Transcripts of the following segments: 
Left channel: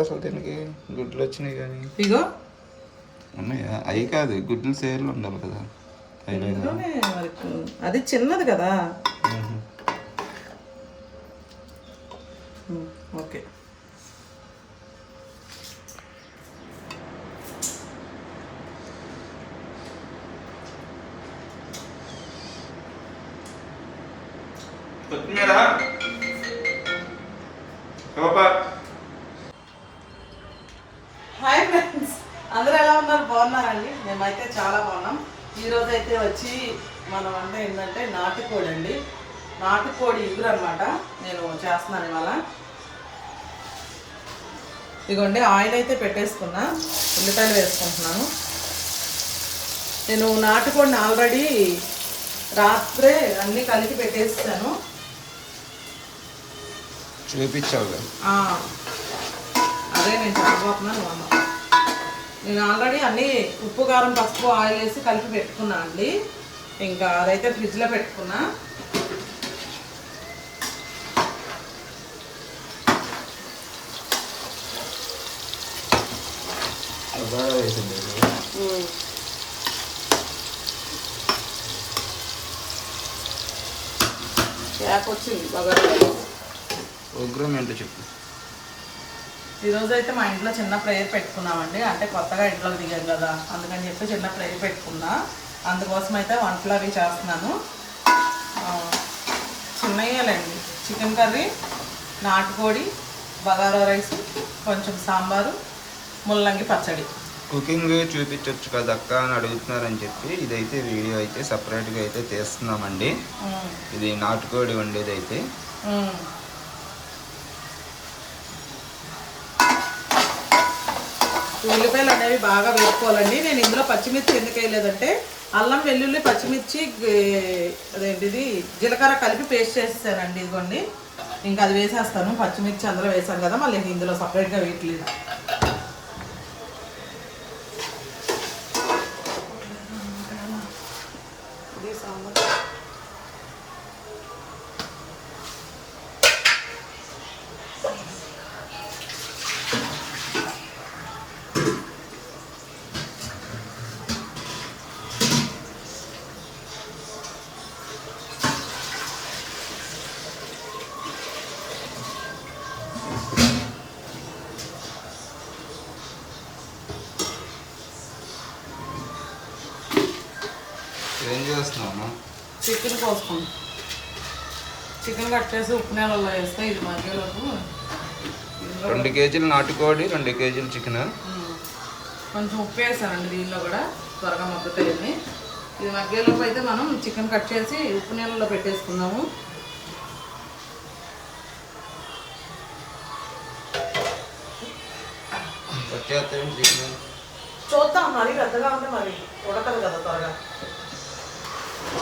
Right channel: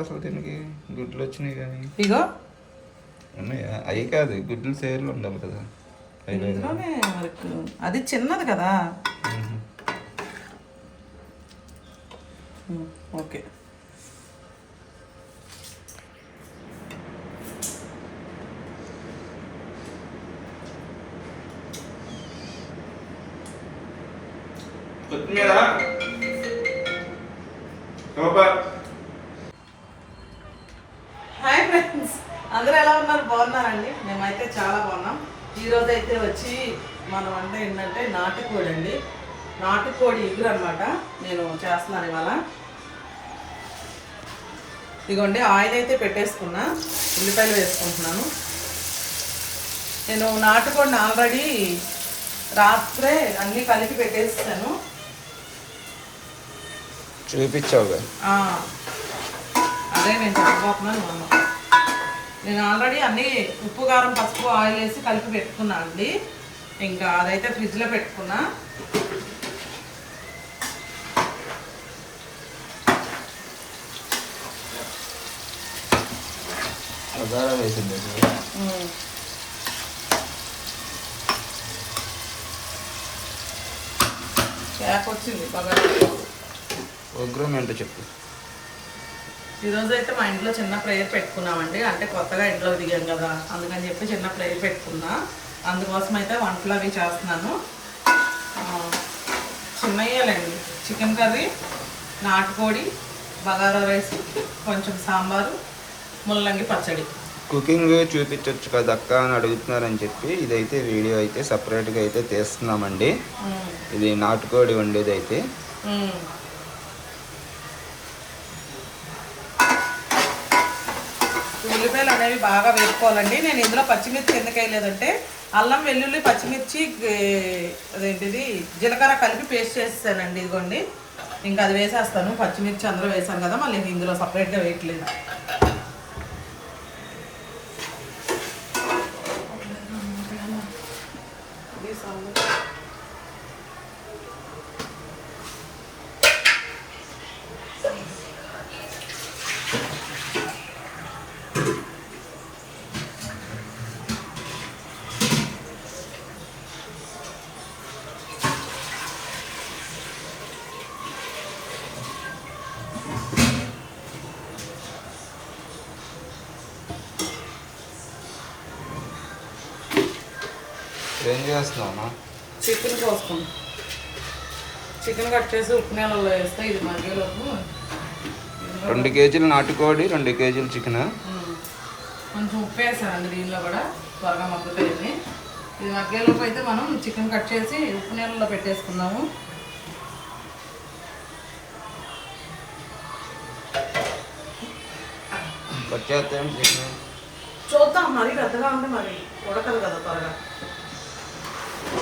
అసలు దీనికి గుడ్లు వచ్చినాయి కానీ. ఇగో. ఉన్నాయా? అవి కాదు గుడ్లు సేర్లు ఉండాలి కదా. అది చిన్నది కదా. ఓకే. కొత్తిమీర కబాబా హాయ్ ఫ్రెండ్స్ అందరూ ఎలా ఉన్నారు బాగున్నారండి మేమైతే చాలా బాగున్నాం ఈరోజు అయితే వచ్చి మనం అంటే ఏంటంటే నాటుకోడి అండి నాటుకోడి ఇగురు అనమాట నేను చేస్తున్నాను ఇవాళ. ఇదిగోండి ఆయిల్ అయితే పెట్టేసుకున్నా ఉల్లిపాయలు వేసుకుంటున్నాను. నేను నాటుకోడిని ఆల్రెడీ రాత్రే అన్నీ కలిపి పెట్టేసాను. చూపించావుగా. ఆ, అదే నేను చెప్పబోతున్నాను అన్న నేను ఆల్రెడీ అన్నీ ఉప్పు కారం పసుపు ఆయిల్ వేసి కలిపి పెట్టుకున్నా అండి. ఇంకా అదైతే ఫ్రిడ్జ్లో పెట్టుకున్నా. మసాలా వేసింది. ఉగ్రం ఏంటో చెప్పు. ఈరోజు అయితే మా ఇంట్లో చిన్న ప్రేయర్ పెట్టుకున్నామండి. అంటే కొత్తగా ఇంట్లోకి దిగాం కదా అందుకని చెప్పి చిన్న ప్రేయర్ పెట్టుకున్నా. అందుకోసం అయితే వంటలు అవి చేస్తున్నాను. చిన్నయ్యాలండి. చికెన్ కర్రీ నాటుకోడి బగారా రైస్ కొంచెం సాంబారు ముల్లంగి పచ్చడి. కుకింగ్ చూపించవచ్చు కదా అక్క అని అడుగుతున్నారని చెప్పి ఇదైతే వీడియో అయితే సపరేట్గా అయితే తీస్తున్నామండి. ఇది నాటుకోడి వండేది అయితే. ఉల్లిపాయలు అనేవి బాగా వేసుకోవాలండి నేను ఇందులో పచ్చిమిర్చి ఎందుకు వేయలేదంటే అల్లం వెల్లుల్లి పచ్చిమిర్చి అదేంటిది జీలకర్ర కలిపి పేస్ట్ చేస్తానండి ఇదిగోండి. ఇంకా అది వేసేస్తాను. పచ్చిమిర్చి అందరూ వేసాను కదా మళ్ళీ ఇందులో సపరేట్గా వేయట్లేదు. చికెన్ కోసుకుంటాం చికెన్ కట్ చేసి ఉప్పు నీళ్ళలో వేస్తే ఇది మగ్గేలోపు. రెండు కేజీలు నాటుకోడి రెండు కేజీలు చికెన్. కొంచెం ఉప్పు వేసానండి దీనిలో కూడా త్వరగా మగ్గుతాయని ఇది మగ్గేలోపు అయితే మనం చికెన్ కట్ చేసి ఉప్పు నీళ్ళలో పెట్టేసుకుందాము వచ్చేస్తాం చికెన్? చూద్దాం మరీ పెద్దగా ఉంటే మరి ఉడకదు కదా త్వరగా.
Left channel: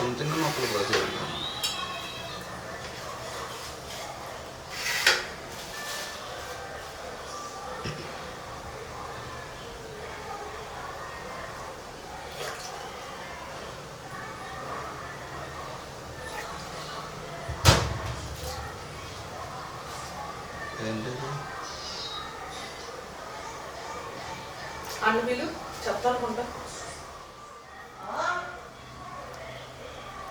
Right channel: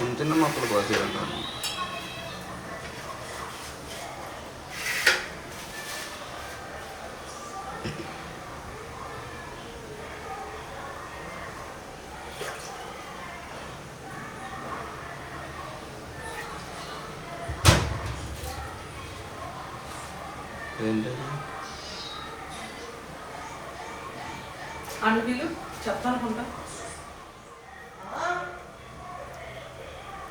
చిన్న చిన్న మొక్కలు కోసేయాలి ఏంటి అండ్ వీళ్ళు చెప్తానుకుంటా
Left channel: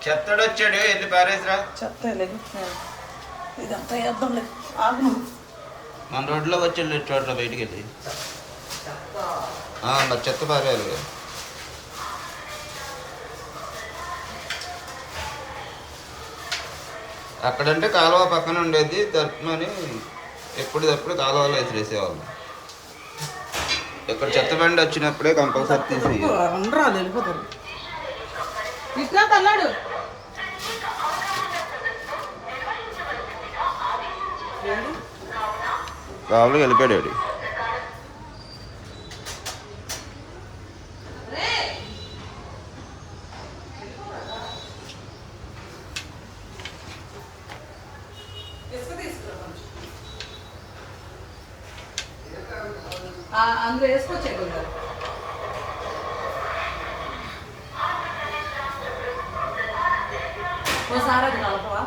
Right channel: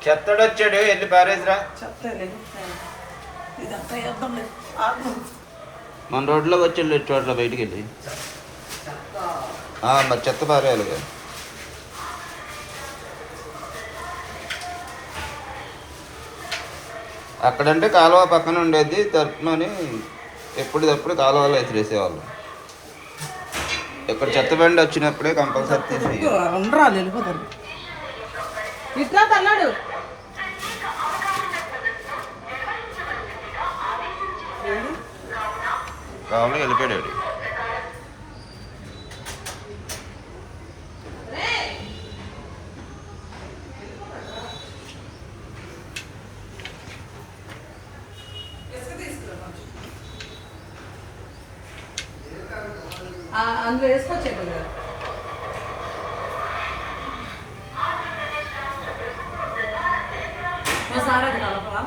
చెత్తడొచ్చాడు వెళ్ళి పారేసిరా ఇదంతా ఆగు. మన రోడ్లోకి వచ్చి చోట్ల బయటికి వెళ్ళి. ఆ, మరి చెత్త పారేయాలి. అక్కడంటే కాలువ పక్కన ఉండేది తరపునని ఎప్పటిదప్పుడు కాలువలో ఎసిరేసేవాళ్ళు. ఇక్కడ చెత్త బండి వచ్చినప్పుడే కంపల్సరీ తీసి కావాలి వెళ్ళిపోయాడు ఆ, అందులో వేసుకోవచ్చు కొంచెం ఓసారి అది కలపవా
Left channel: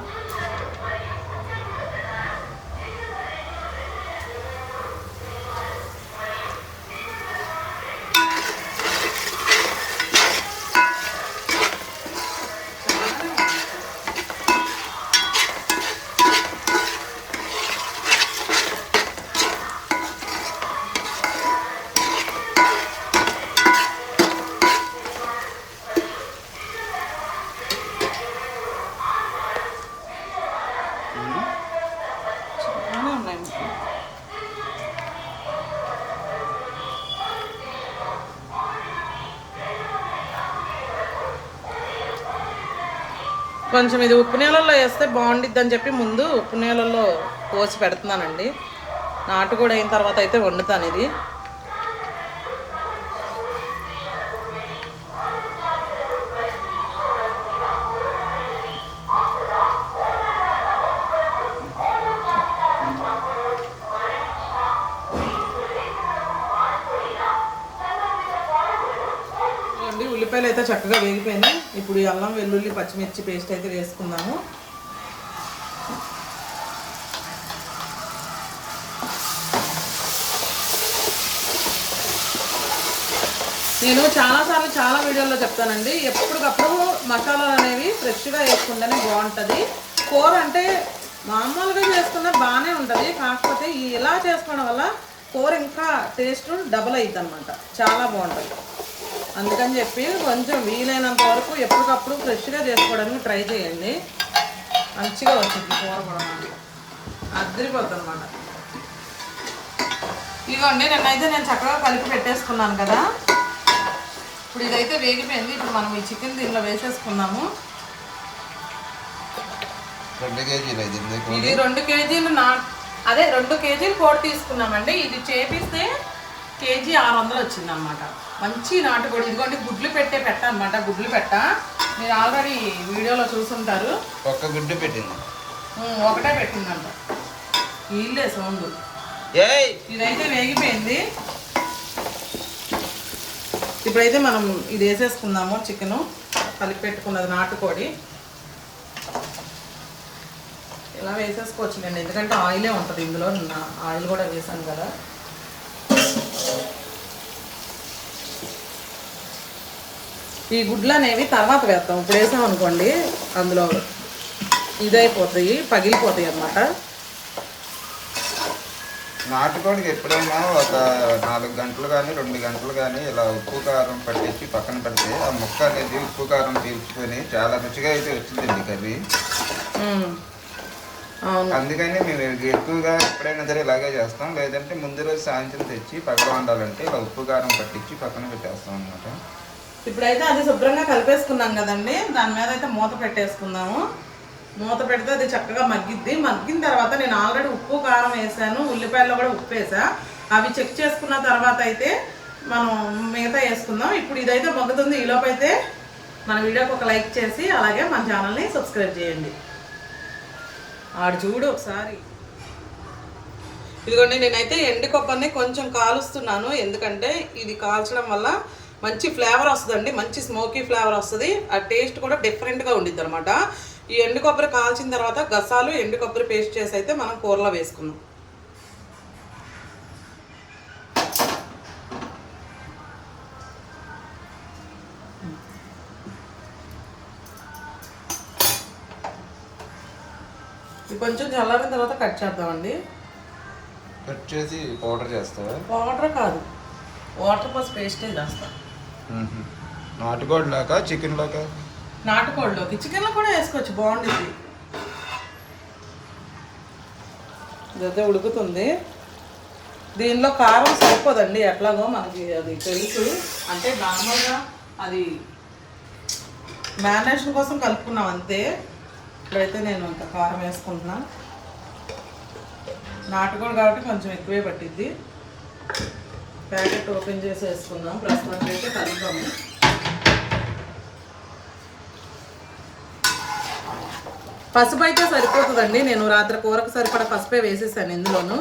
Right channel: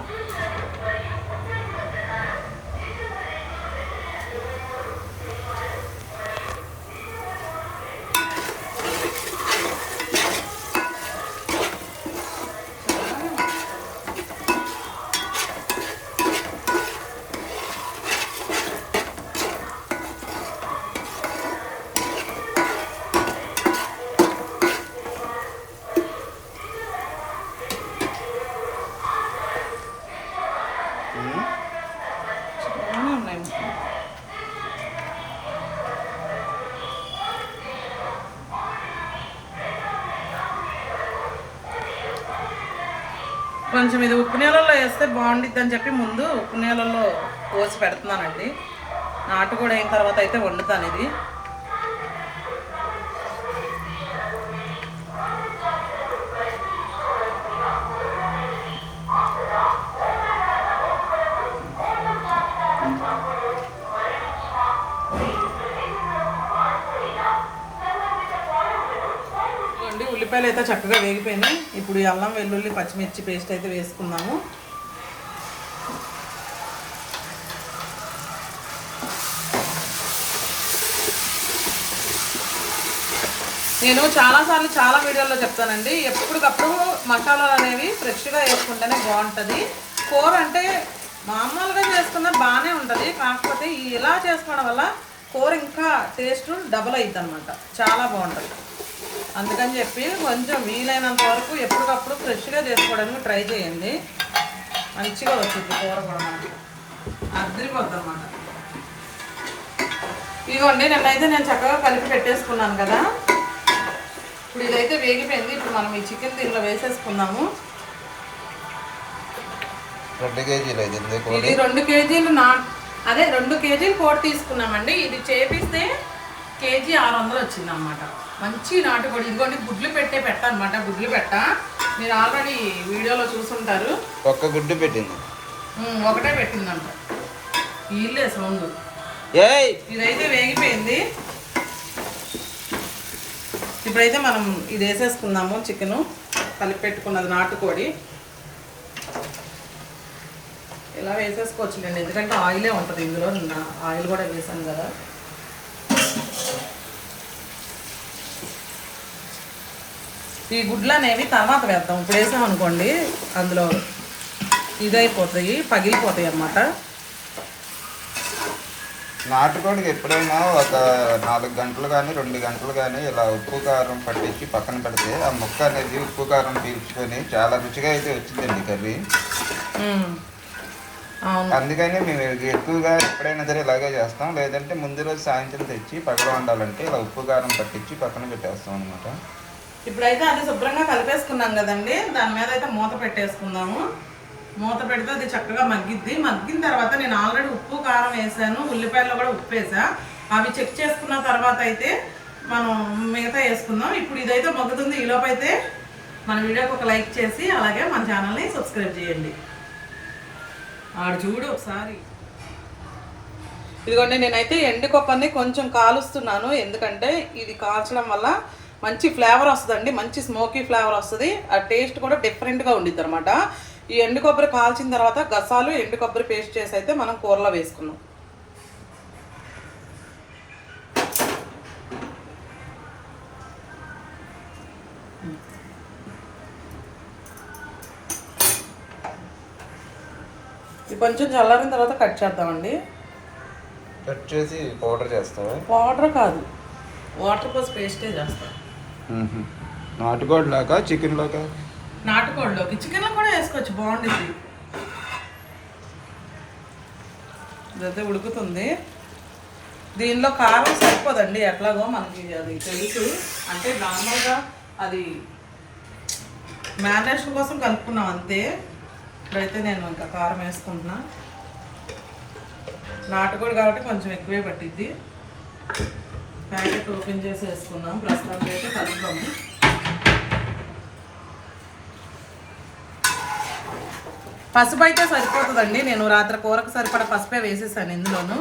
కొంచెం ఇది ఉప్పు నీళ్ళల్లో వేస్తే బాగుండిద్ది అని చెప్పి ముందు ఉప్పు నీళ్ళల్లో పోసి పెడుతున్నానండి. నాటు కూడా అయిన తర్వాత అయితే వండుతాను ఇది. అండి ఉల్లిపాయలు అయితే చక్కగా వేగిపోయింది ఇప్పుడు అల్లం వెల్లుల్లి పచ్చిమిర్చి పేస్ట్ అయితే వేసుకుందాము నేను చాలాసార్లు చాలా వీడియోల్లో చెప్తానండి. ఎప్పటికప్పుడు మసాలాలు అనేవి ఫ్రెష్గా వేసుకుంటేనే బాగుంటుంది. కూర అంటే మామూలుగా చేసుకున్నా బాగానే ఉంటుంది. కాకపోతే ఇలా చేసుకోవడం వల్ల కూర ఇంకా టేస్ట్ డబుల్ అవుతుంది అనమాట చాలా బాగుంటుంది. అందుకని చెప్పి కొంచెం వీలైనంత వరకు ఎప్పటికప్పుడు ఫ్రెష్గా చేసుకోవడానికి ట్రై చేయండి. మంచిగా వచ్చింది కూర కూడా మాకు అద్దరిపోద్ది అనమాట ఇదిగోండి నిన్నైతే నేను చక్కగా కలిపి పెట్టేసుకున్నాను కదా. ఇప్పుడు ఇదైతే వేగిపోయింది. ఇప్పుడు మనం ఈ చికెన్ దీనిలో వేసేసుకున్నాము రెండు కేజీలు ఇది రెండు కేజీలు నా అదే రెండు కేజీలు కోడి తీసుకున్నామండి. ఇది చేపిస్తే కేజీ ఆరు వందలు వచ్చింది అనమాట మంచి నాటుకోడి. ఇదిగోండి గుడ్లు పెట్టే పెట్ట అనమాట గుడ్లు పెట్ట. మీరు ఆల్రెడీ వీడియోలో చూసుంటారు. ఒక్క గుడ్డు పెట్టింది. ఒకటే పెట్టిందంట. వీళ్ళే సౌండ్. ఇదైతే వేగిపోయింది. ఇప్పుడైతే మనం ఇది వేసేసుకుందాము చికెను. కలిపి పెట్టుకున్నది నాటుకోడి. ఇలా వేసేసుకోవచ్చు నేను ఎందుకంటే ఆయిలే ఉంటుంది ఇందులో. ఆయిల్ కూడా వేసాను కదా. ఈ గుడ్లు అనేవి తర్వాత వేస్తాం ఇప్పుడు వేసాం అనుకోండి అందులో ఇదైపోతాయి పగిలిపోతాయి అన్నమాట. నాటుకోడికి ఎప్పుడైనా ఒక నాలుగు గంటలు కానీ రెండు గంటలు కానీ ఇలా ఉప్పు కారం పట్టించి పక్కన పెడితే ఆ ముక్క అనేది ఉప్పు కారం పీల్చుకొని చాలా రుచిగా అయితే వచ్చిందండి కర్రీ. అందుకని మేము ఎక్కువగా ఎప్పుడైనా సరే ఇలాగే చేస్తాం. లేదంటే ముందు రోజు సాయంత్రం తెచ్చి పగల వండాలంటే ఇలా ఉప్పు కారం పట్టించి పక్కన పెట్టేస్తాం అనమాట ఇప్పుడైతే అది శుభ్రంగా కలిపేసుకున్నాం కదండి. దాని మీద అయితే మూత పెట్టేసుకుందాము మూత పెడితే అది చక్కగా మగ్గిద్ది. మగ్గిన తర్వాత నేను ఆల్రెడీ ఉప్పు కారం వేసాను. ఉల్లిపాయలు కూడా ఉప్పు వేసా. అవి చెక్ చేసుకున్న తర్వాత అయితే మనం మిగతా వేసుకుందాం. ఇప్పుడు ఇదైతే మగ్గుతుంది. ఈలోపు అయితే మన వీడియోకి ఒక లైక్ చేసి అలాగే మన ఛానల్ని సబ్స్క్రైబ్ చేయండి. ఆడు చూడు ఒకసారి. ఇదిగోండి నేనైతే ఎండు కొంచెం కాలుస్తున్నాను. ఎందుకంటే ఇది కాల్చడం వల్ల మంచి ఫ్లేవర్ వస్తుందండి మంచి స్మోకీ ఫ్లేవర్ వస్తుంది. ఆ టేస్ట్ కూడా డిఫరెంట్గా ఉండిద్ది అనమాట ఈ ఎండు కొబ్బరి కాల్చిన తర్వాత గసాలు ఎండు కొబ్బరి పేస్ట్ చేసి అయితే మనం కూరలో వేసుకున్నాం కొంచెం చల్లారిన తర్వాత కట్ చేద్దామండి. కట్ చేసి పౌడర్ చేస్తావా? వాటర్ కాదు వాటర్ పోసి పేస్టే చేస్తాం. నాటుకోడి లాగా చికెన్ లాగా నాటుకోడిలోకి. చికెన్లో కూడా వేసుకోవచ్చు బాగుంటుంది ఇదైతే ఉడుకుతుంది. దీనిలో కారం సరిపోదండి ఎట్లాగో మనకి అది తెలుసు. అంటే నార్మల్గా అది మ్యారినేషన్ కోసం కలుపుకున్నాం అంతే. ఇప్పుడైతే నేను ఇంకా కారం వేసుకుంటున్నా. నాటుకోడి కాబట్టి కొంచెం ఎక్కువే పట్టిద్ది. ప్యాకెట్ ఓపెన్ చేసి వేసుకుందాం. ప్రస్తుతానికి అయితే కలుపుతాము పసుపు అయితే సరిపోతుందండి. నేను రాత్రి కూరకు సరిపడా పసుపే వేసేసాను ఇందులోను.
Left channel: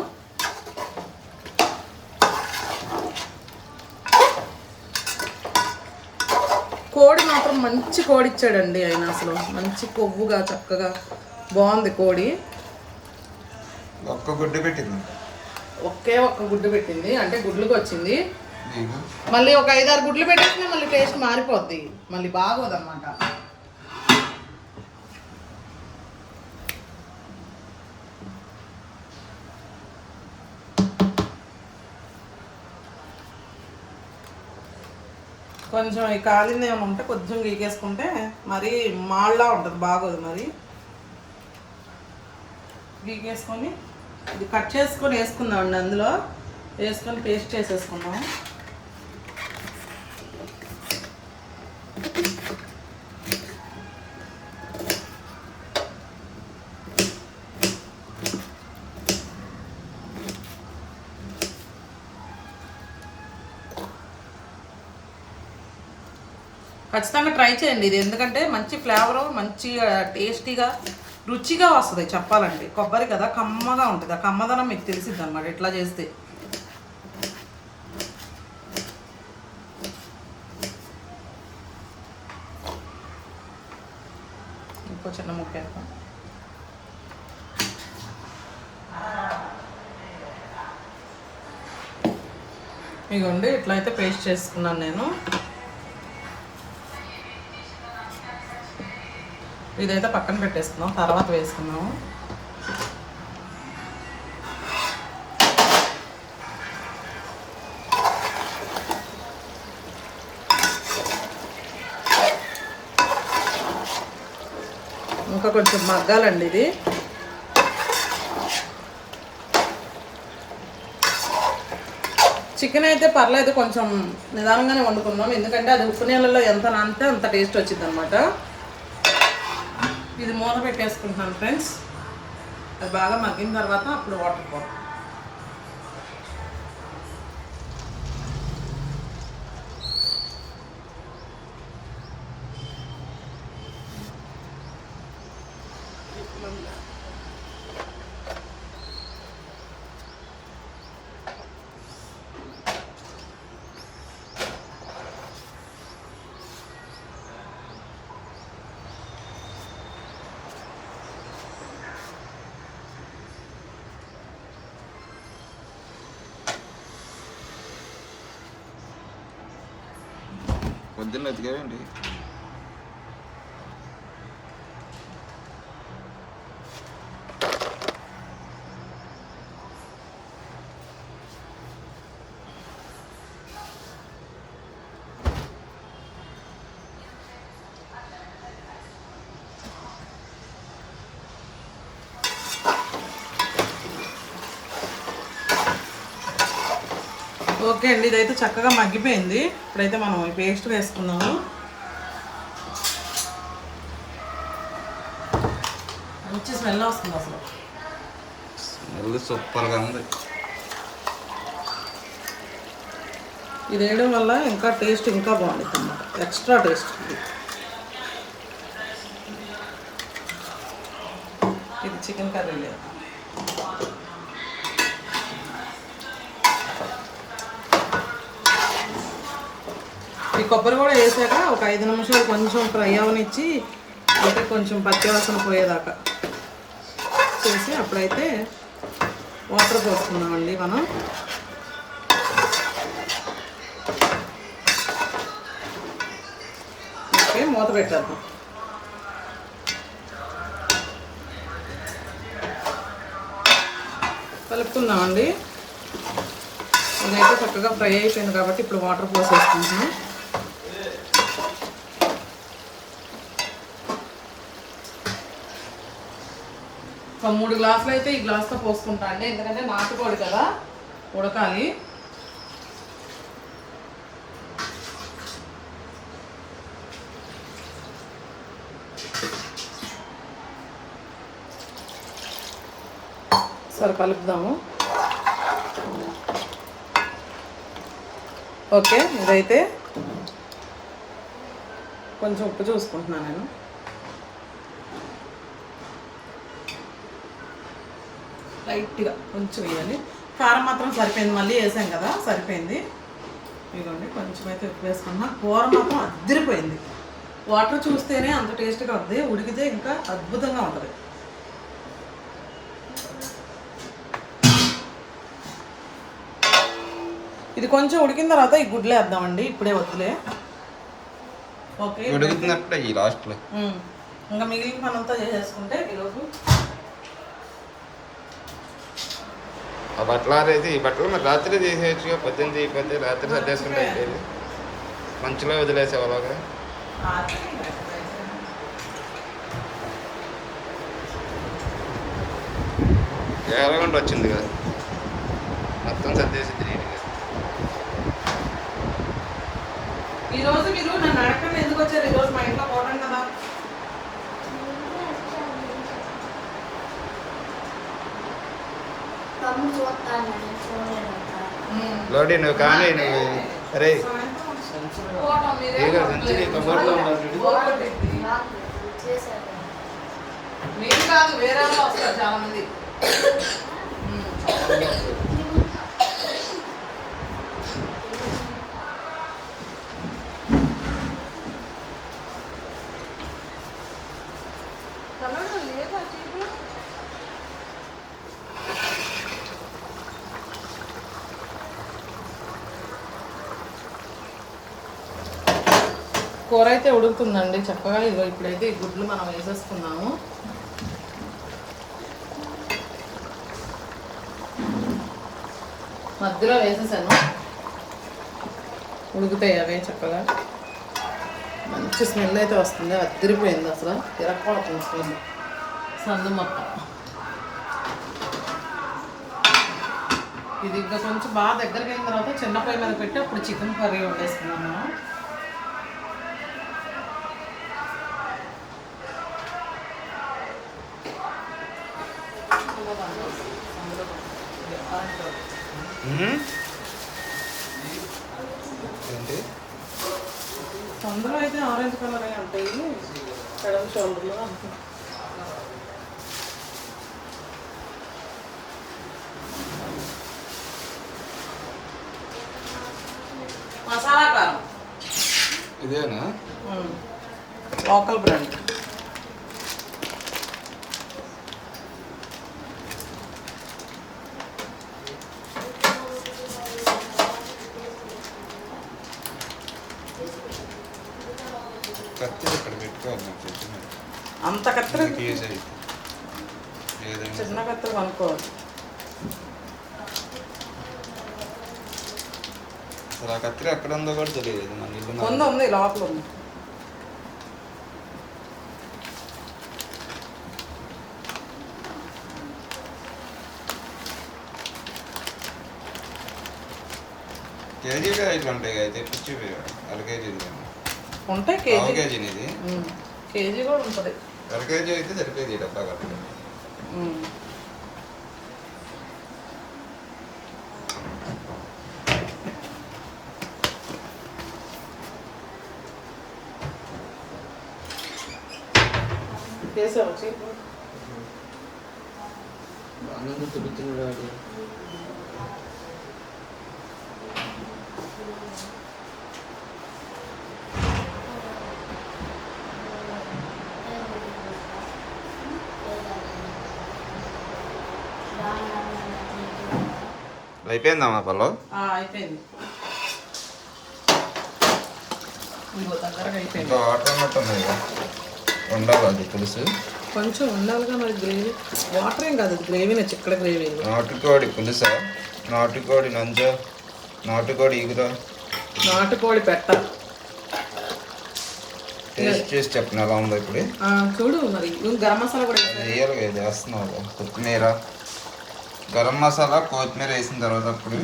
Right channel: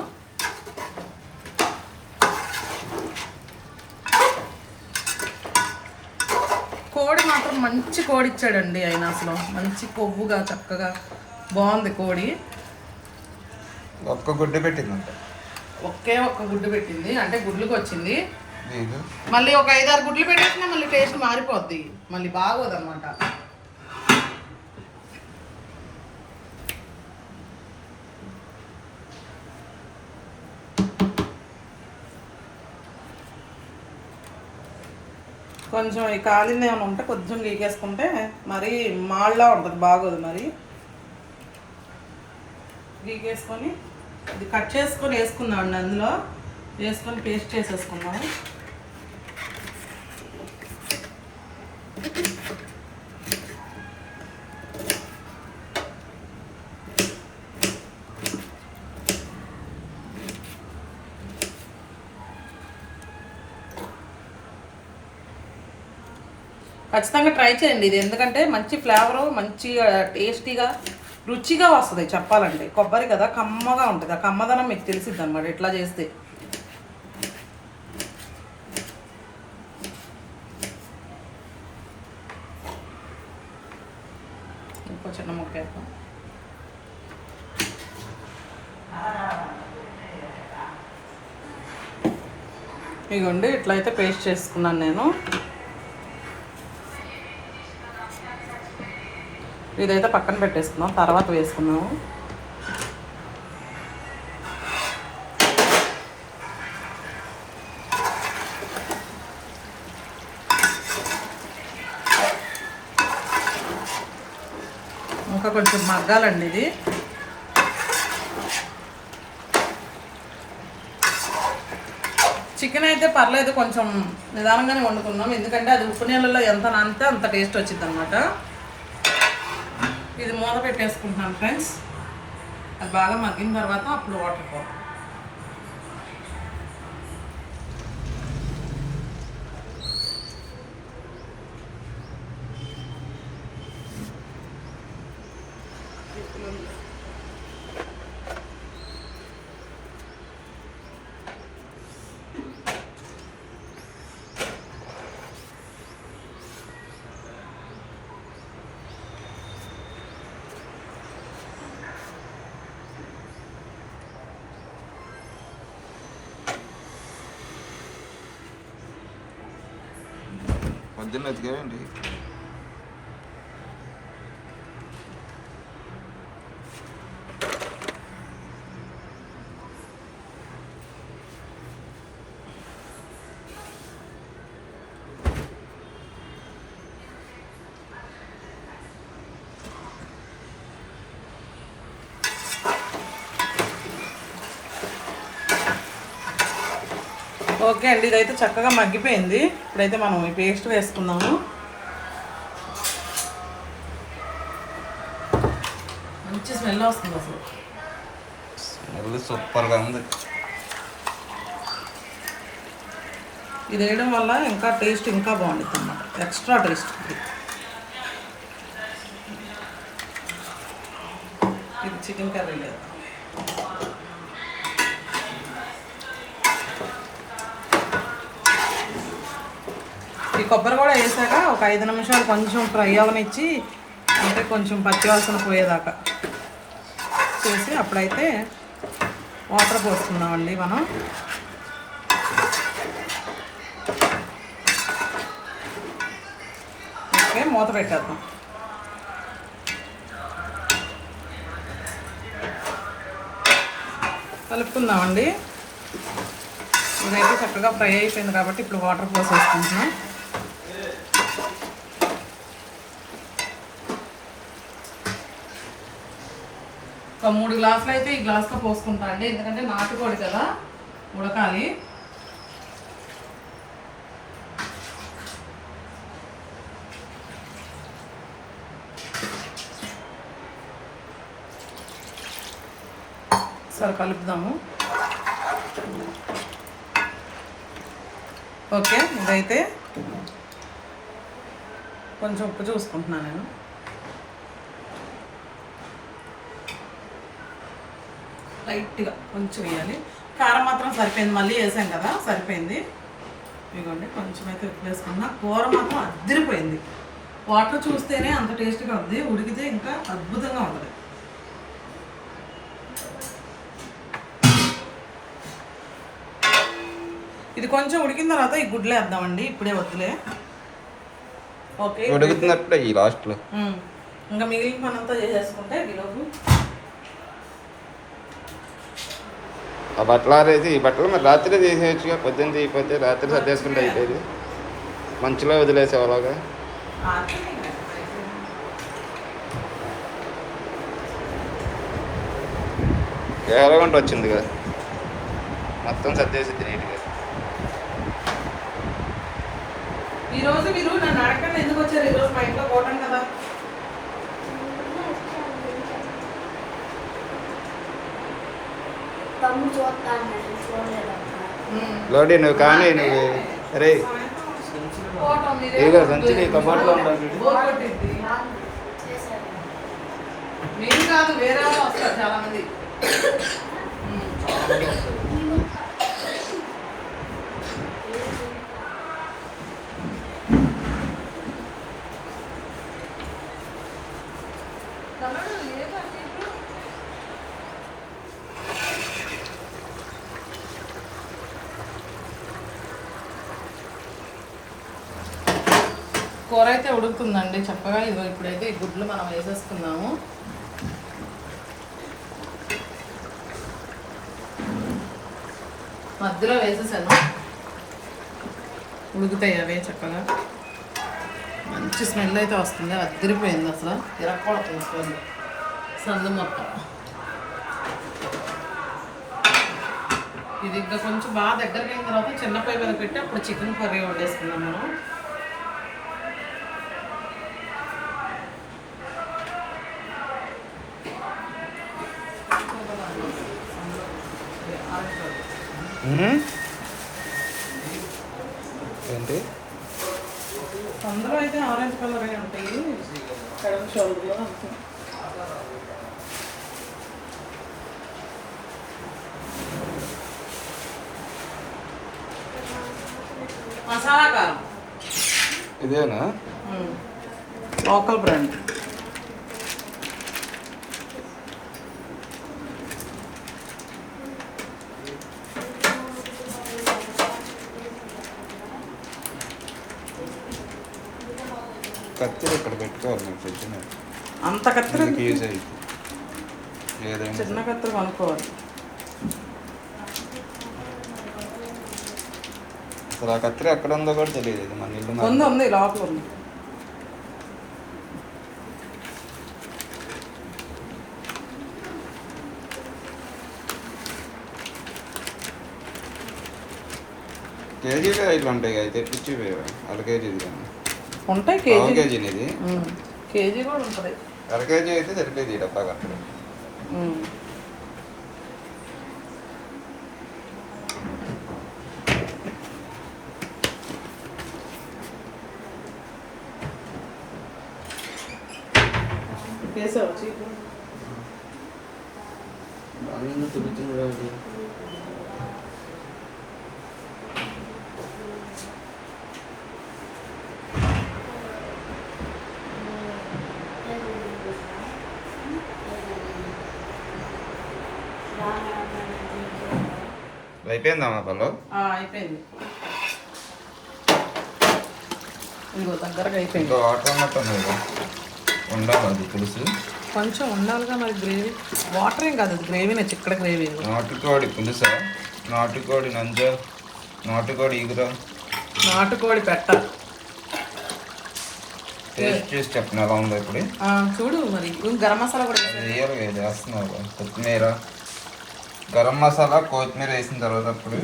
కోడి మాత్రం మంచి కోడి ఇచ్చాడండి ఆయన అసలు. మంచి కొవ్వుగా చక్కగా బాగుంది కోడి. ఒక్క గుడ్డు పెట్టిందంట. ఒకే ఒక్క గుడ్డు పెట్టింది అంటే గుడ్లుకి వచ్చింది. మళ్ళీ ఒక ఐదారు గుడ్లు పెట్టేసినా మళ్ళీ టేస్ట్ మారిపోద్ది. మళ్ళీ బాగోదన్నమాట. కొంచెం ఈ కాలింది ఏమైనా ఉంటే కొంచెం గీకేసుకుంటే మరి మాళ్ళ ఉంటుంది బాగోదు మరి. గీకేసుకొని ఇది కట్ చేసుకొని వేసుకుందాం అండి అందులో. వేసుకొని పేస్ట్ చేసేసుకుందాం ఖచ్చితంగా ట్రై చేయండి. ఇది ఎందుకంటే మంచి ఫ్లేవరు మంచి టేస్టీగా రుచిగా వస్తుంది చెప్పాలండి కొబ్బరి కదా కమ్మగా ఉంటుంది. ఆ కమ్మదనం మీకు తెలిసిద్ది అనమాట ఇట్లా చేస్తే. ఇంకో చిన్న ముక్క వేద్దాం. ఇగోండి ఇట్లయితే పేస్ట్ చేసుకున్నాను నేను. ఇదైతే పక్కన పెట్టేస్తున్నాం తర్వాత వేసుకున్నాము ఇంకా కొంచెం మగ్గాలండి ఇది. చికెన్ అయితే పర్లేదు కొంచెం నిదానంగానే వండుకున్నాం ఎందుకంటే అది ఉప్పు నీళ్ళలో ఎంత నానితే అంత టేస్ట్ వచ్చింది అనమాట ఇది మూత పెట్టేసుకుంటున్నాను ఫ్రెండ్స్. అది బాగా మగ్గిన తర్వాత అప్పుడు వాటర్ పోతాం పొద్దున్న ఎత్తుకేవేంటి ఓకే అండి ఇదైతే చక్కగా మగ్గిపోయింది. ఇప్పుడైతే మనం ఈ పేస్ట్ వేసుకున్నాము మంచి స్మెల్ వస్తుంది అసలు. స్మెల్ సూపర్గా ఉంది. ఇది వేయడం వల్ల ఇంకా టేస్ట్ ఇంకా బాగుంటుంది. ఎక్స్ట్రా టేస్ట్ ఇది. ఇది చికెన్ కర్రీ లేదు ఈ కొబ్బరి కూడా వేసాక ఒక ఐదు నిమిషాలు కొంచెం ఫ్రై అవనిచ్చి అంటే కొంచెం పచ్చివాసన పోయేదాకా చేసి అప్పుడైతే వాటర్ పోసుకుందామండి మనం. ఓకే మూత పెట్టేద్దాం. కలుపుతున్నామండి ఇదైతే చక్కగా ఫ్రై అయిపోయింది కాబట్టి ఇప్పుడు వాటర్ పోసేసుకుంటున్నాం. ఒక మూడు గ్లాసులు అయితే ఈ గ్లాస్తో పోసుకుంటా అండి. ఎందుకంటే నాటుకోడి కదా ఉడకాలి. సరే కలుపుదాము. ఓకే ఇదైతే కొంచెం ఉప్పు చూసుకుంటున్నాను నేను. లైట్గా కొంచెం వేయాలి. కారం మాత్రం సరిపోయింది. మళ్ళీ వేసాం కదా సరిపోయింది. ఇదిగోండి కొంచెం అయితే ఉప్పు వేసుకున్నా. కూర మాత్రం అద్దరిపోయింది వాటర్ చూస్తేనే అంత టేస్ట్గా ఉంది. ఉడికితే ఇంకా అద్భుతంగా ఉంటుంది. ఇది కొంచెం ఉడికిన తర్వాత ఈ గుడ్లు వేద్దామండి. ఇప్పుడే వద్దులే. ఓకే ఉడుకుతున్నప్పుడే ఈ లాస్ట్లో. ఇంకా మిగిలిన పని అంతా చేసేసుకుంటే ఈరోజు ఆ బట్టలు ఆరేసి ఈ బట్టలు మరి రాత్రి తీసేయచ్చుగా పొద్దున్న తీయకపోతే రాత్రి సర్దేసుకుంటే అయిపోయేది. మంచులో వదిలేసేవాళ్ళగా ఎలాగంటే వచ్చింది కదా మొత్తం సర్దేసింది నీట్గా. ఈరోజు మీరు నన్ను అడగకుండా ఎందుకు వచ్చారు? ఈరోజు మా ఇంట్లో పోవడం కదా. లోడి నువ్వు కానీ నువ్వు అరే ఏగా మంచిగా కబోర్డ్లో ఉండాలి మీరు కాదు వేరే వాళ్ళు వస్తారు చాలా మంది కూర అయితే ఉడుకుతుందండి. చక్కగా ఇదిగో ఇప్పుడైతే ఈ గుడ్లు మనం వేసేసుకున్నాము. మధ్యలో వేసేసాను. ఉడుకుతాయి అవే చక్కగా. మంచి స్మెల్ అయితే వస్తుంది. అద్దరిపోయింది అసలు. తిరగకూడదు స్మెల్. సందు మొత్తం. ఇది ఇంకా కొంచెం బాగా దగ్గరికి అయిన తర్వాత చిన్న పొయ్యి మీద పెట్టి అప్పుడు చికెన్ కర్రీ వండేసుకున్నాం మనం. అయితే ఆరెంజ్ కలర్ ఉంటాయి? కడవ షోల్డర్లో అంతే. మసాలా కారం. ఇదేనా? లోకల్ బ్రాండ్ కత్తిరి నాకు అంత కత్తిరి ఏదైనా చిన్న అసలు ఆ కత్తిరి ఎక్కడ ఉందో కూడా తెలియదు మన ఇల్లు ఉంది లోపల ఉంది. ఐదు ఉంటాయి కదా తెప్పించి అర కేజీలు ఉంటే కేజీ. కేజీని ఇది. కేజీ కూడా ఉంటుంది. అర కేజీ అయితే సరిపోయింది డబ్బా కత్తెర అయిపోయింది ఇదిగో దగ్గరగా అయిపోయింది. ఇంకా వాటర్ అన్నట్టు ఉంది కదా. ఉండాలి అది పులుసు. కొంచెం ఉండాలిగా మరి గ్రేవీ. వాటర్ ఏం కాదు గ్రేవీనే చిక్కడ గ్రేవీ నాటుకోడి పులుస? నాటుకోడి నంజ నాటుకోడి ఈగుర. నాటుకోడి పెట్ట. టేస్ట్ చేసి చెప్పిన ఎలా ఉందో ఇప్పుడు? చూడు మరి గరం మసాలా కూడా వేయాలి కదా వేస్తున్నావు. కొత్తిమీర. గరం మసాలా కొత్తిమీర వేసిన తర్వాత అప్పుడు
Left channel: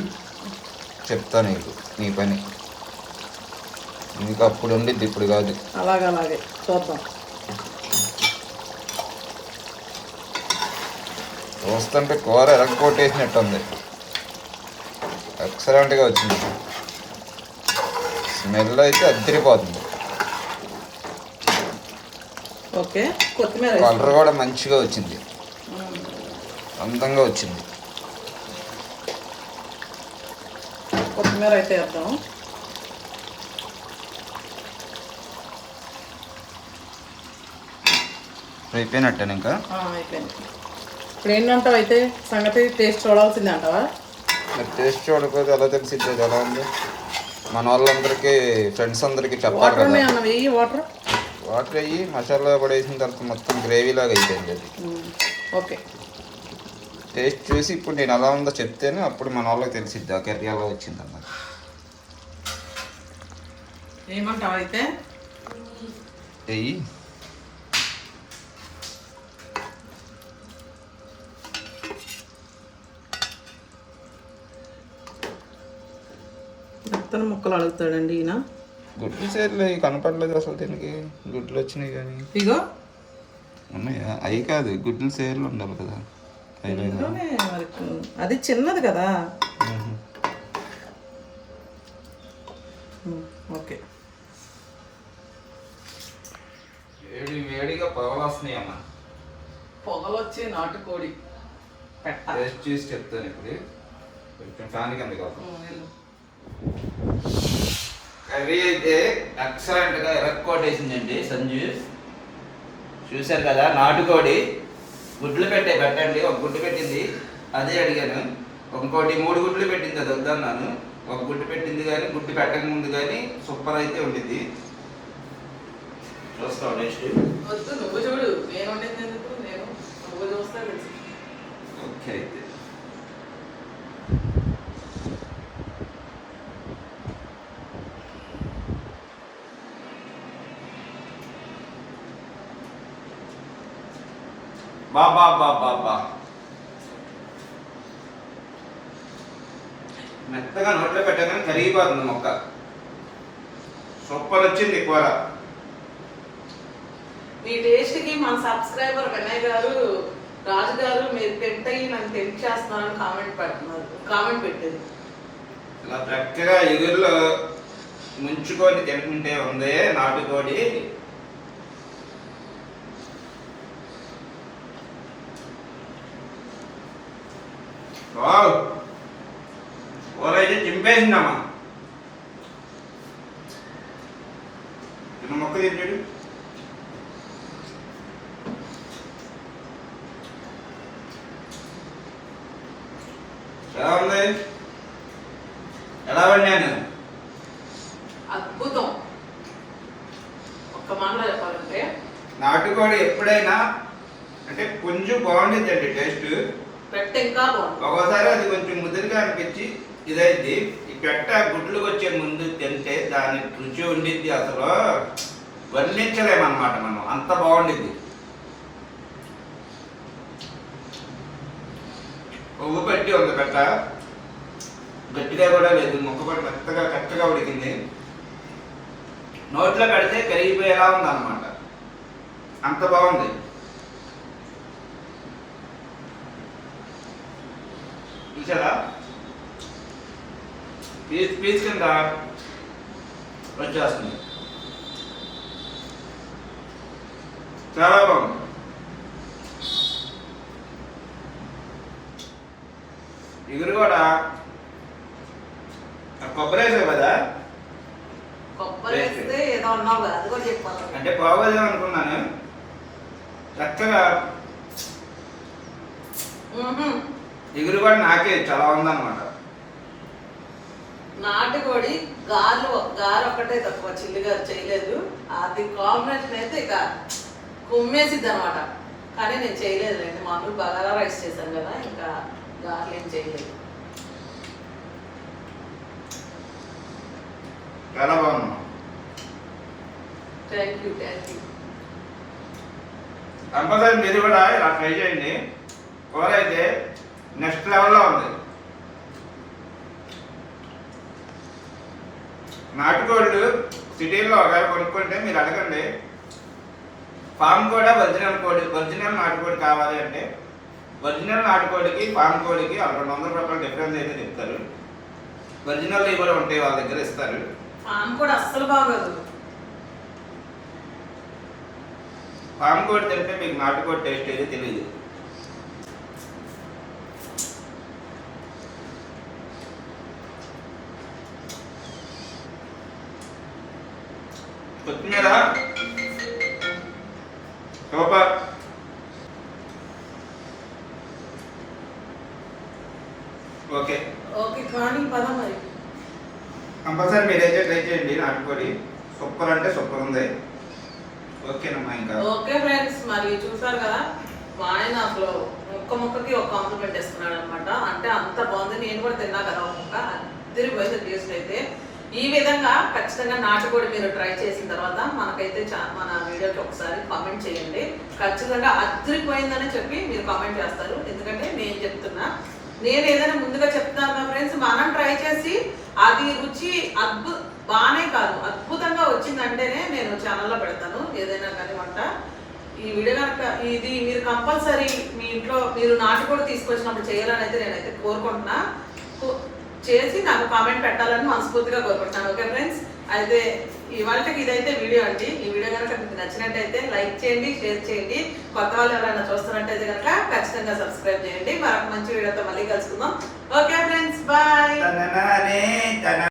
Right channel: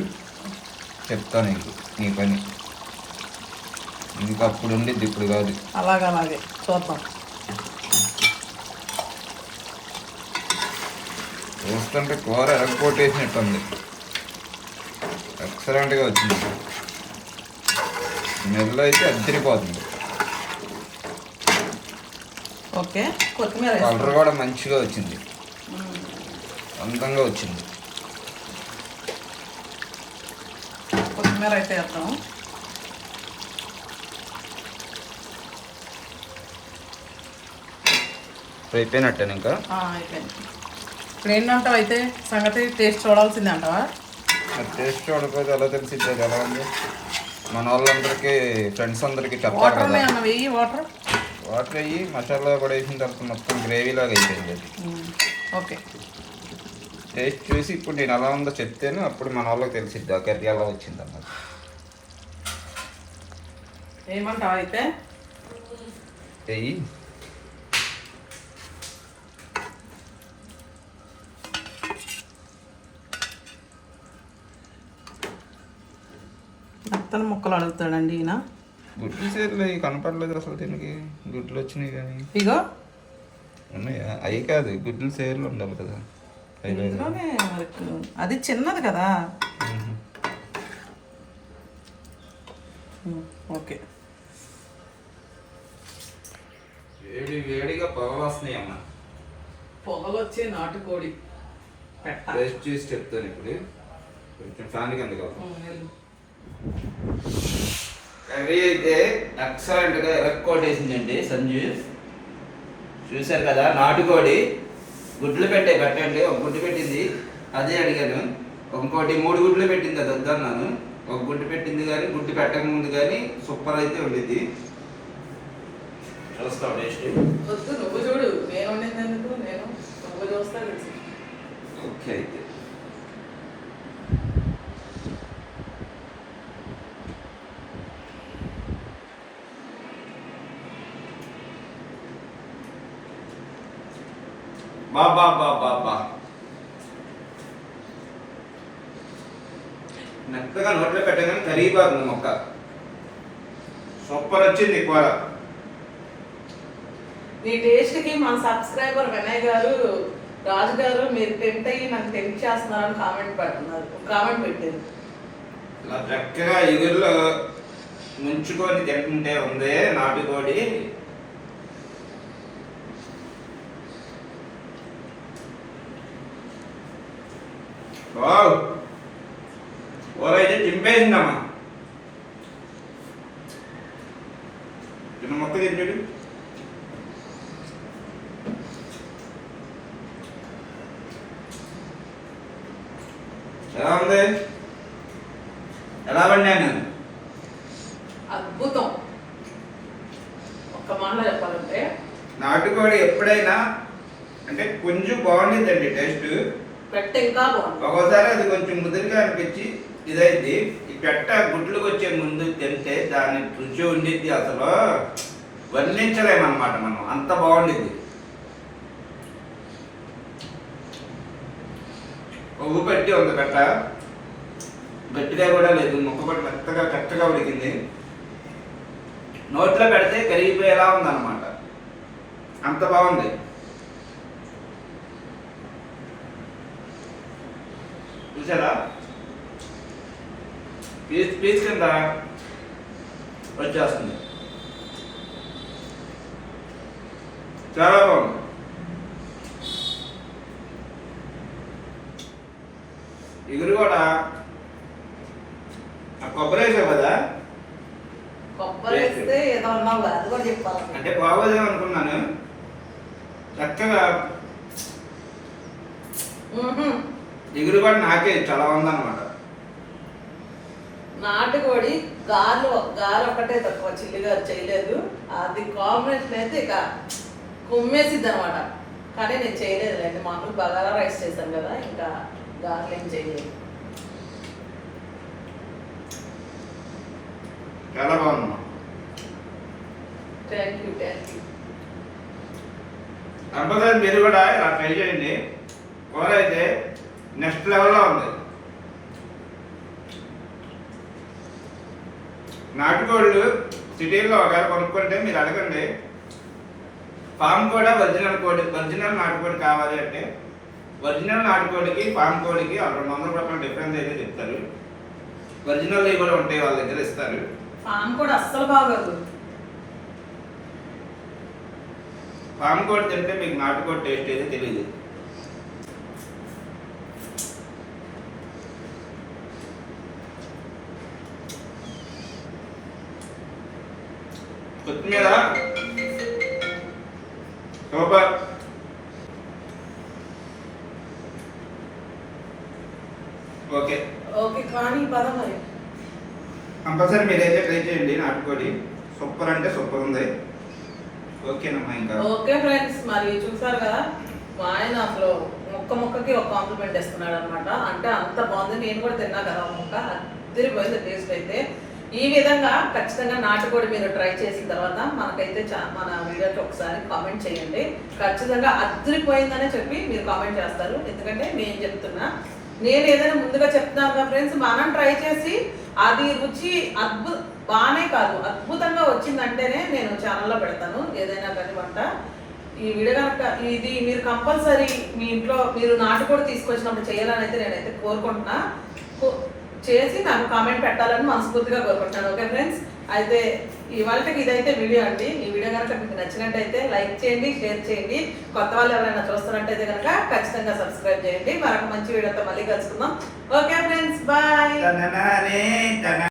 చెప్తా నీకు నీ పని. నీకు అప్పుడు ఉండిద్ది ఇప్పుడు కాదు. అలాగే అలాగే చూద్దాం. చూస్తుంటే కూర ఎరగొట్టేసినట్టు ఉంది ఎక్సలెంట్గా వచ్చింది. స్మెల్ అయితే అద్దరిపోతుంది. కలర్. కూడా మంచిగా వచ్చింది. అందంగా వచ్చింది. కొత్తిమీర అయితే వేద్దాం ఇప్పుడు అయిపోయినట్టే ఇంకా? అయిపోయింది. ఇప్పుడు ఏంటంటావు అయితే సంగతి టేస్ట్ చూడాల్సిందే అంటావా? మరి టేస్ట్ చూడకపోతే ఎలా తెలిసిద్ది అది ఎలా ఉంది? మన వాళ్ళందరికీ ఫ్రెండ్స్ అందరికీ చెప్పాలి కదా. వెయ్యి వాటర్ వాటర్ అయ్యి మసాలా కూడా వేసిన తర్వాత మొత్తం గ్రేవీ లాగా అయిపోయింది అది. ఓకే. టేస్ట్ చూసి ఇప్పుడు నేను ఎలా ఉందో చెప్తేనే అప్పుడు మన వాళ్ళకి తెలిసిద్ది. ఆ కర్రీ ఎలా వచ్చింది అన్నది. ఏమంటావు అయితే? మెత్తని ముక్కలు అడుగుతాడండి ఈయన. గుడ్లు సేర్లు కనపడలేదు అసలు దీనికి. గుడ్లు వచ్చినాయి కానీ. ఇగో. ఉన్నాయా? అవి కాదు గుడ్లు సేర్లు ఉండాలి కదా. అది చిన్నది కదా. ఓకే. వేడి వేడిగా పొగలు వస్తున్నాయి అమ్మా. పొగలు వచ్చే నాటుకోడి పెట్ట. టేస్ట్ చూసి చెప్తాను ఇప్పుడు. కొంచెం ఫ్యాన్ కింద కాదు. కర్రీ అయితే ఎక్సలెంట్గా ఎరక్కోటేసిందండి సంజు చూశారు కదా నాటుకోడి. గుడ్లు పెట్టే పెట్టండి. ఒక గుడ్డు పెట్టింది. అదే అడిగాను. ఇంకోటి మూడు గుడ్లు పెట్టింది అది వద్దన్నాను ఒక గుడ్డు పెట్టింది కానీ గుడ్డు పెట్టక ముందు కానీ సూపర్ అయితే ఉండిద్ది. చూస్తాం నెక్స్ట్ వద్దు నువ్వు చూడు. నేను వండింది ఎందుకు? నేను నువ్వు చూస్తా తెలుసు. ఓకే అయితే. బా బా బా మెత్తగా నోట్లో పెట్టగానే కరిగిపోతుంది మొక్క. సూపర్ వచ్చింది కూర మీ టేస్ట్కి మన సబ్స్క్రైబర్ వినయ్ గారు రాజు గారు మీరు టెంప్ట్ అయ్యి నన్ను టెంప్ట్ చేస్తున్నారని కామెంట్ పెడుతున్నారు కామెంట్ పెట్టారు. ఇలా చక్కగా ఎగురులో ముంచుకొని తింటుంటే ఉంది నాటుకోడి. వావ్. కూర అయితే చింపేసిందమ్మా చిన్న మొక్క తింటాడు ఎలా ఉంది? ఎలా వండాను అద్భుతం. ఒక్క మాటలో చెప్పాలంటే నాటుకోడి ఎప్పుడైనా అంటే కొంచెం బాగుండిద్దండి టేస్ట్. పెట్ట ఇంకా ఒకసారి ఒక్కోసారి అది కొంచెం ముదురుగా అనిపించి ఇదైంది. ఈ పెట్ట గుడ్లకు వచ్చే ముందు తింటే దాని రుచి ఉండిద్ది అసలు. వర్ణించలేమన్నమాట మనం. అంత బాగుండిద్ది. ఉప్పు పెట్టి ఉంది పెట్ట. గట్టిగా కూడా లేదు. ముక్క కూడా మెత్తగా కట్టగా ఉడికింది. నోట్లో పెడితే కరిగిపోయేలా ఉందన్నమాట. అంత బాగుంది. చూసారా పీస్ పీస్ కింద వచ్చేస్తుంది చాలా బాగుంది ఇగురు కూడా కొబ్బరి వేసావు కదా? అంటే బాగోదేమో అనుకున్నాను. చక్కగా కూడా నాకే చాలా ఉందన్నమాట. నాటుకోడి గాలు గారు ఒకటే తక్కువ చిల్లి గారు చేయలేదు. అది కాంబినేషన్ అయితే ఇక కుమ్మేసిద్ది అనమాట కానీ నేను చేయలేదులేండి మామూలు బగారా రైస్ చేశాను కదా ఇంకా గారెలు ఏం చేయలేదు. చాలా బాగుందమ్మా. Thank you thank you. Compulsory మీరు కూడా ఇలా ట్రై చేయండి. కూర అయితే నెక్స్ట్ లెవెల్లో ఉంది. నాటుకోళ్ళు సిటీలో ఒకవేళ కొనుక్కుంటే మీరు అడగండి. ఫామ్ కూడా ఒరిజినల్ కోడి ఒరిజినల్ నాటుకోడి కావాలి అంటే ఒరిజినల్ నాటుకోడికి ఫామ్ కోడికి రెండు వందల రూపాయలు డిఫరెన్స్ అయితే చెప్తారు. ఒరిజినల్ కూడా ఉంటాయి వాళ్ళ దగ్గర ఇస్తారు. ఫామ్ కూడా అస్సలు బాగోదు. ఫామ్ కోడి తింటే మీకు నాటుకోడి టేస్ట్ అయితే తెలియదు కొత్తిమీర సూపర్ ఓకే. ఓకే కానీ పదం మరి. కంపల్సరీ మీరైతే ట్రై చేయండి నాటుకోడి సూపర్ అంటే సూపర్ ఉంది. ఓకేనమ్మా ఇంకా. ఓకే ఫ్రెండ్స్ మరి చూసారు కదా మా ఆయన అసలు ముక్క ముక్కకి ఒక కాంప్లిమెంట్ ఇస్తున్నాడు అనమాట అంటే అంత బాగుంది నేను కూడా తిన్నా కదా ఒక ముక్క. అద్దరిపోయింది టేస్ట్ అయితే. ఈ విధంగా ఖచ్చితంగా నాటుకోడి మీరు ట్రై చేసిన తర్వాత మనకైతే చా- మన వీడియోకి ఒకసారి కామెంట్ చేయండి. ఖచ్చితంగా అదిరిపోయిందని చెప్పి మీరు కామెంట్ చేస్తారు. ఎందుకంటే నేను చెప్తున్నా నేను ఏదైనా ముందుగా చెప్తున్నాను ఫ్రెండ్స్ మనం ట్రై చేసి అది రుచి అద్భు బాగానే కాదు అద్భుతంగా వచ్చిందంటేనే నేను ఛానల్లో పెడతాను. ఏదైనా కానీ వంట ఈ వీడియో కనుక ఇది మీరు కంపల్సరీ మీ ఇంట్లో మీరు నాటుకోడి తీసుకొచ్చినప్పుడు చేయాలని అయితే నేనైతే కోరుకుంటున్నా. కో- చేసి నాకు కామెంట్ పెట్టాలని మనస్ఫూర్తిగా కోరుకుంటున్నాను. ఓకే ఫ్రెండ్స్ అయితే ఇవాళకి ఇదైతే వీడియో అండి. ఈ వీడియో కనుక మీకు నచ్చినట్టయితే లైక్ చేయండి షేర్ చేయండి. కొత్త వాళ్ళు ఎవరైనా చూస్తున్నట్టయితే కనుక ఖచ్చితంగా సబ్స్క్రైబ్ చేయండి. మరొక మంచి వీడియోతో మళ్ళీ కలుసుకుందాం. Okay friends bye